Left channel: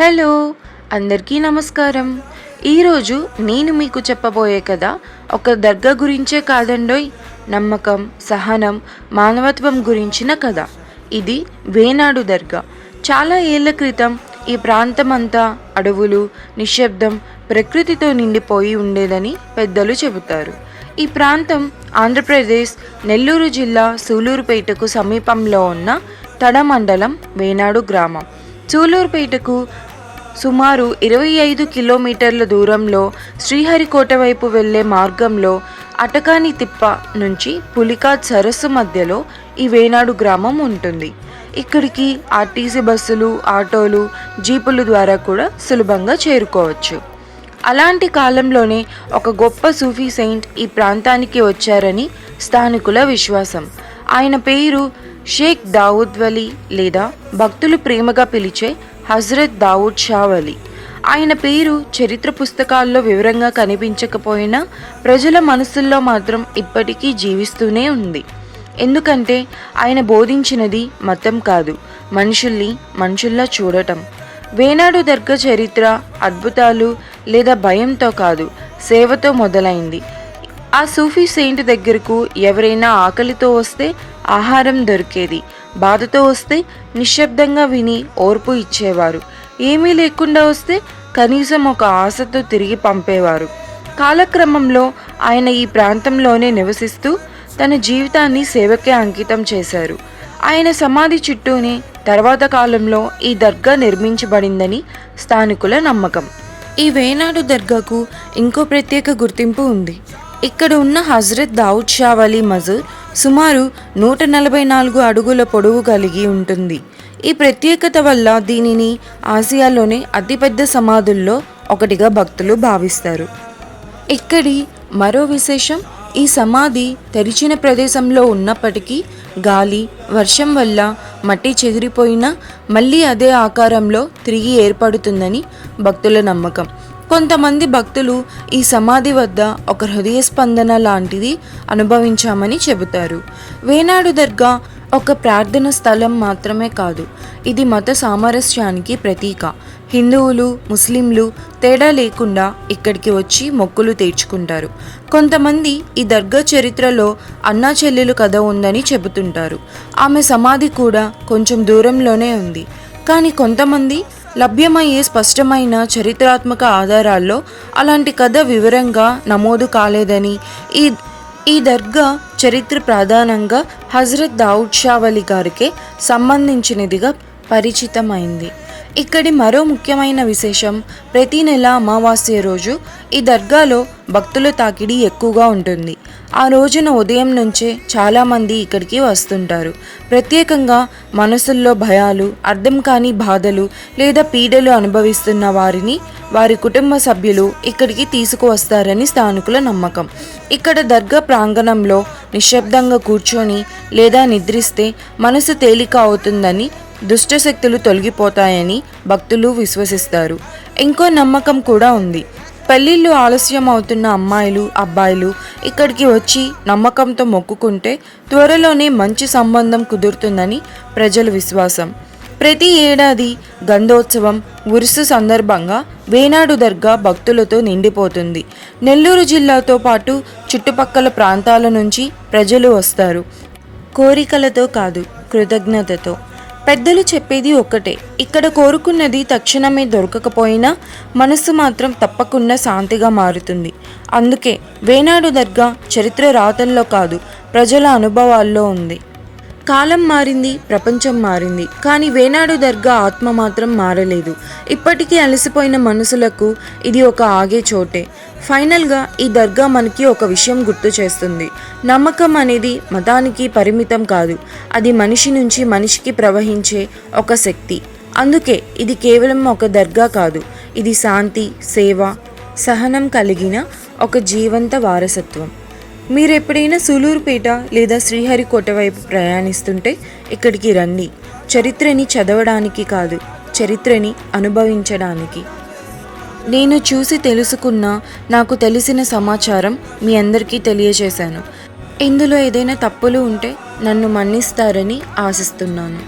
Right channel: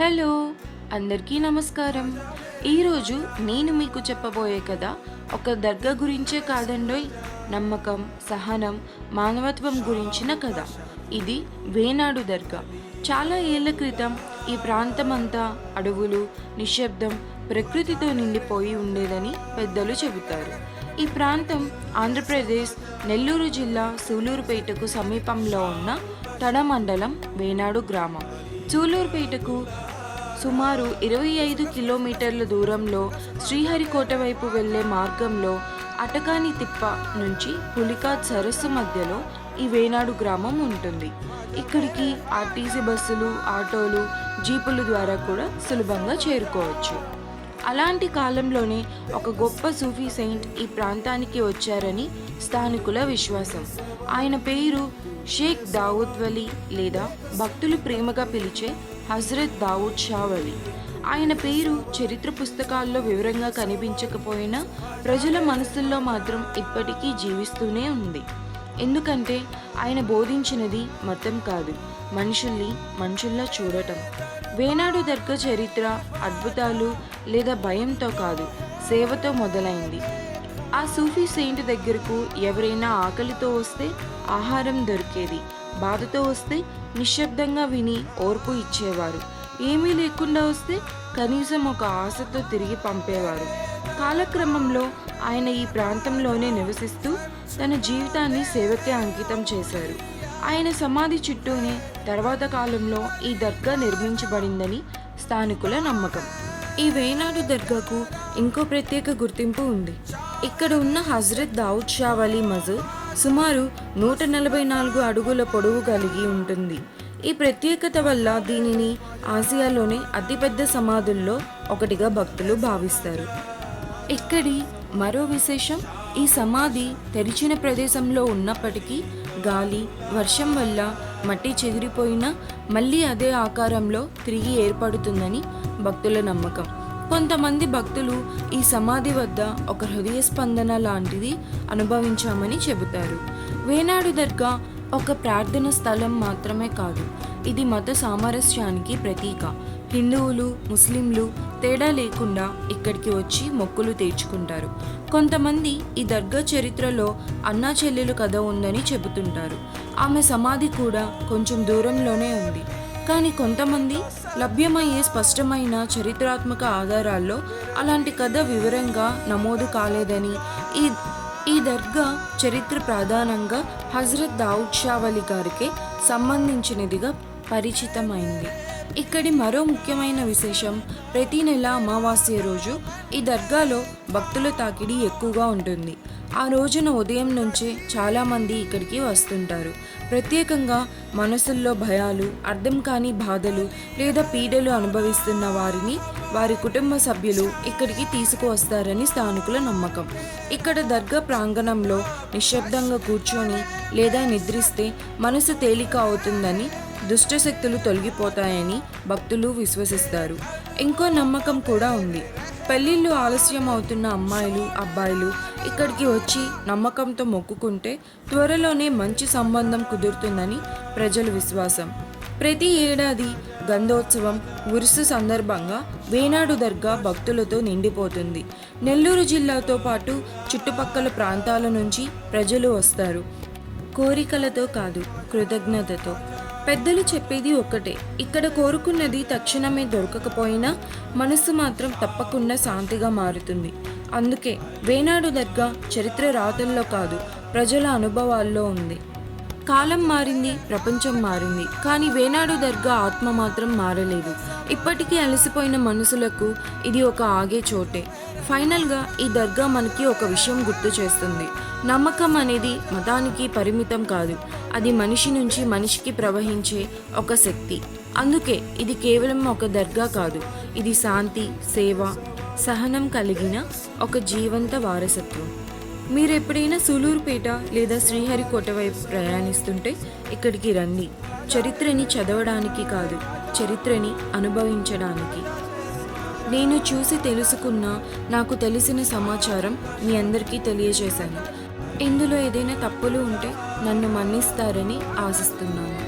Hello, అందరికీ నమస్కారం. ఈరోజు నేను మీకు చెప్పబోయే కథ ఒక దర్గా గురించే కాదండోయ్, నమ్మకం, సహనం, మానవత్వం గురించిన కథ. ఇది వేనాడు దర్గా. చాలా ఏళ్ల క్రితం ఈ ప్రాంతమంతా అడవులు, నిశ్శబ్దం, ప్రకృతితో నిండిపోయి ఉండేదని పెద్దలు చెబుతారు. ఈ ప్రాంతం ఆంధ్రప్రదేశ్ నెల్లూరు జిల్లా సూలూరుపేటకు సమీపంలో ఉన్న తడ మండలం వేనాడు గ్రామం. సూలూరుపేటకు సుమారు 25 కిలోమీటర్ల దూరంలో శ్రీహరికోట వైపు వెళ్లే మార్గంలో అటకాని తిప్ప నుంచి పులికాట్ సరస్సు మధ్యలో ఈ వేనాడు గ్రామం ఉంటుంది. ఇక్కడికి ఆర్టీసీ బస్సులు, ఆటోలు, జీపుల ద్వారా కూడా సులభంగా చేరుకోవచ్చు. అలాంటి కాలంలోనే ఒక గొప్ప సూఫీ సెయింట్ ఈ ప్రాంతానికి వచ్చారని స్థానికుల విశ్వాసం. ఆయన పేరు షేక్ దావుద్ వలీ లేదా భక్తులు ప్రేమగా పిలిచే హజరత్ దావుద్ షా వలీ. ఆయన పేరు చరిత్ర పుస్తకాల్లో వివరంగా కనిపించకపోయినా ప్రజల మనసుల్లో మాత్రం ఇప్పటికీ జీవిస్తూనే ఉంది. ఎందుకంటే ఆయన బోధించినది మతం కాదు, మనుషుల్ని మనుషుల్లా చూడటం. వేనాడు దర్గా చరిత్ర అద్భుతాలు లేదా భయంతో కాదు, సేవతో మొదలైంది. ఆ సూఫీ సెయింట్ దగ్గరకు ఎవరైనా ఆకలితో వస్తే ఆహారం దొరికేది, బాధతో వస్తే నిశ్శబ్దంగా విని ఓర్పు ఇచ్చేవారు, ఏమీ లేకుండా వస్తే కనీసం ఒక ఆశతో తిరిగి పంపేవారు. కాలక్రమంలో ఆయన ఈ ప్రాంతంలోనే నివసిస్తూ తన జీవితాన్ని సేవకే అంకితం చేశారు. ఆయన సమాధి చుట్టూనే తర్వాత కాలంలో ఈ దర్గా నిర్మించబడిందని స్థానికుల నమ్మకం. ఈ వేనాడు దర్గాకు ఇంకో ప్రత్యేక గుర్తింపు ఉంది. ఇక్కడ ఉన్న హజరత్ దావుద్ షా వలీ మజూర్ సుమారు 144 అడుగుల పొడవు కలిగి ఉంటుంది. ఈ ప్రత్యేకత వల్ల దీనిని ఆసియాలోనే అతిపెద్ద సమాధుల్లో ఒకటిగా భక్తులు భావిస్తారు. ఇక్కడి మరో విశేషం, ఈ సమాధి తెరిచిన ప్రదేశంలో ఉన్నప్పటికీ గాలి, వర్షం వల్ల మట్టి చెదిరిపోయినా మళ్ళీ అదే ఆకారంలో తిరిగి ఏర్పడుతుందని భక్తుల నమ్మకం. కొంతమంది భక్తులు ఈ సమాధి వద్ద ఒక హృదయ స్పందన లాంటిది అనుభవించామని చెబుతారు. వేనాడు దర్గా ఒక ప్రార్థన స్థలం మాత్రమే కాదు, ఇది మత సామరస్యానికి ప్రతీక. హిందువులు, ముస్లింలు తేడా లేకుండా ఇక్కడికి వచ్చి మొక్కులు తీర్చుకుంటారు. కొంతమంది ఈ దర్గా చరిత్రలో అన్నా చెల్లెలు కథ ఉందని చెబుతుంటారు. ఆమె సమాధి కూడా కొంచెం దూరంలోనే ఉంది. కానీ కొంతమంది లభ్యమయ్యే స్పష్టమైన చరిత్రాత్మక ఆధారాల్లో అలాంటి కథ వివరంగా నమోదు కాలేదని, ఈ దర్గా చరిత్ర ప్రధానంగా హజరత్ దావుద్ షా వలీ గారికే సంబంధించినదిగా పరిచితమైంది. ఇక్కడి మరో ముఖ్యమైన విశేషం, ప్రతి నెల అమావాస్య రోజు ఈ దర్గాలో భక్తుల తాకిడి ఎక్కువగా ఉంటుంది. ఆ రోజున ఉదయం నుంచే చాలామంది ఇక్కడికి వస్తుంటారు. ప్రత్యేకంగా మనసుల్లో భయాలు, అర్థం కాని బాధలు లేదా పీడలు అనుభవిస్తున్న వారిని వారి కుటుంబ సభ్యులు ఇక్కడికి తీసుకువస్తారని స్థానికుల నమ్మకం. ఇక్కడ దర్గా ప్రాంగణంలో నిశ్శబ్దంగా కూర్చొని లేదా నిద్రిస్తే మనసు తేలిక అవుతుందని, దుష్టశక్తులు తొలగిపోతాయని భక్తులు విశ్వసిస్తారు. ఇంకో నమ్మకం కూడా ఉంది. పెళ్ళిళ్ళు ఆలస్యం అవుతున్న అమ్మాయిలు, అబ్బాయిలు ఇక్కడికి వచ్చి నమ్మకంతో మొక్కుకుంటే త్వరలోనే మంచి సంబంధం కుదురుతుందని ప్రజల విశ్వాసం. ప్రతి ఏడాది గంధోత్సవం, ఉరుసు సందర్భంగా వేనాడు దర్గా భక్తులతో నిండిపోతుంది. నెల్లూరు జిల్లాతో పాటు చుట్టుపక్కల ప్రాంతాల నుంచి ప్రజలు వస్తారు. కోరికలతో కాదు, కృతజ్ఞతతో. పెద్దలు చెప్పేది ఒక్కటే, ఇక్కడ కోరుకున్నది తక్షణమే దొరకకపోయినా మనసు మాత్రం తప్పకుండా శాంతిగా మారుతుంది. అందుకే వేనాడు దర్గా చరిత్ర రాతల్లో కాదు, ప్రజల అనుభవాల్లో ఉంది. కాలం మారింది, ప్రపంచం మారింది, కానీ వేనాడు దర్గా ఆత్మ మాత్రం మారలేదు. ఇప్పటికీ అలసిపోయిన మనసులకు ఇది ఒక ఆగే చోటే. ఫైనల్గా ఈ దర్గా మనకి ఒక విషయం గుర్తు చేస్తుంది. నమ్మకం అనేది మతానికి పరిమితం కాదు, అది మనిషి నుంచి మనిషికి ప్రవహించే ఒక శక్తి. అందుకే ఇది కేవలం ఒక దర్గా కాదు, ఇది శాంతి, సేవ, సహనం కలిగిన ఒక జీవంత వారసత్వం. మీరు ఎప్పుడైనా సూలూరుపేట లేదా శ్రీహరికోట వైపు ప్రయాణిస్తుంటే ఇక్కడికి రండి. చరిత్రని చదవడానికి కాదు, చరిత్రని అనుభవించడానికి. నేను చూసి తెలుసుకున్న, నాకు తెలిసిన సమాచారం మీ అందరికీ తెలియజేశాను. ఇందులో ఏదైనా తప్పులు ఉంటే నన్ను మన్నిస్తారని ఆశిస్తున్నాను.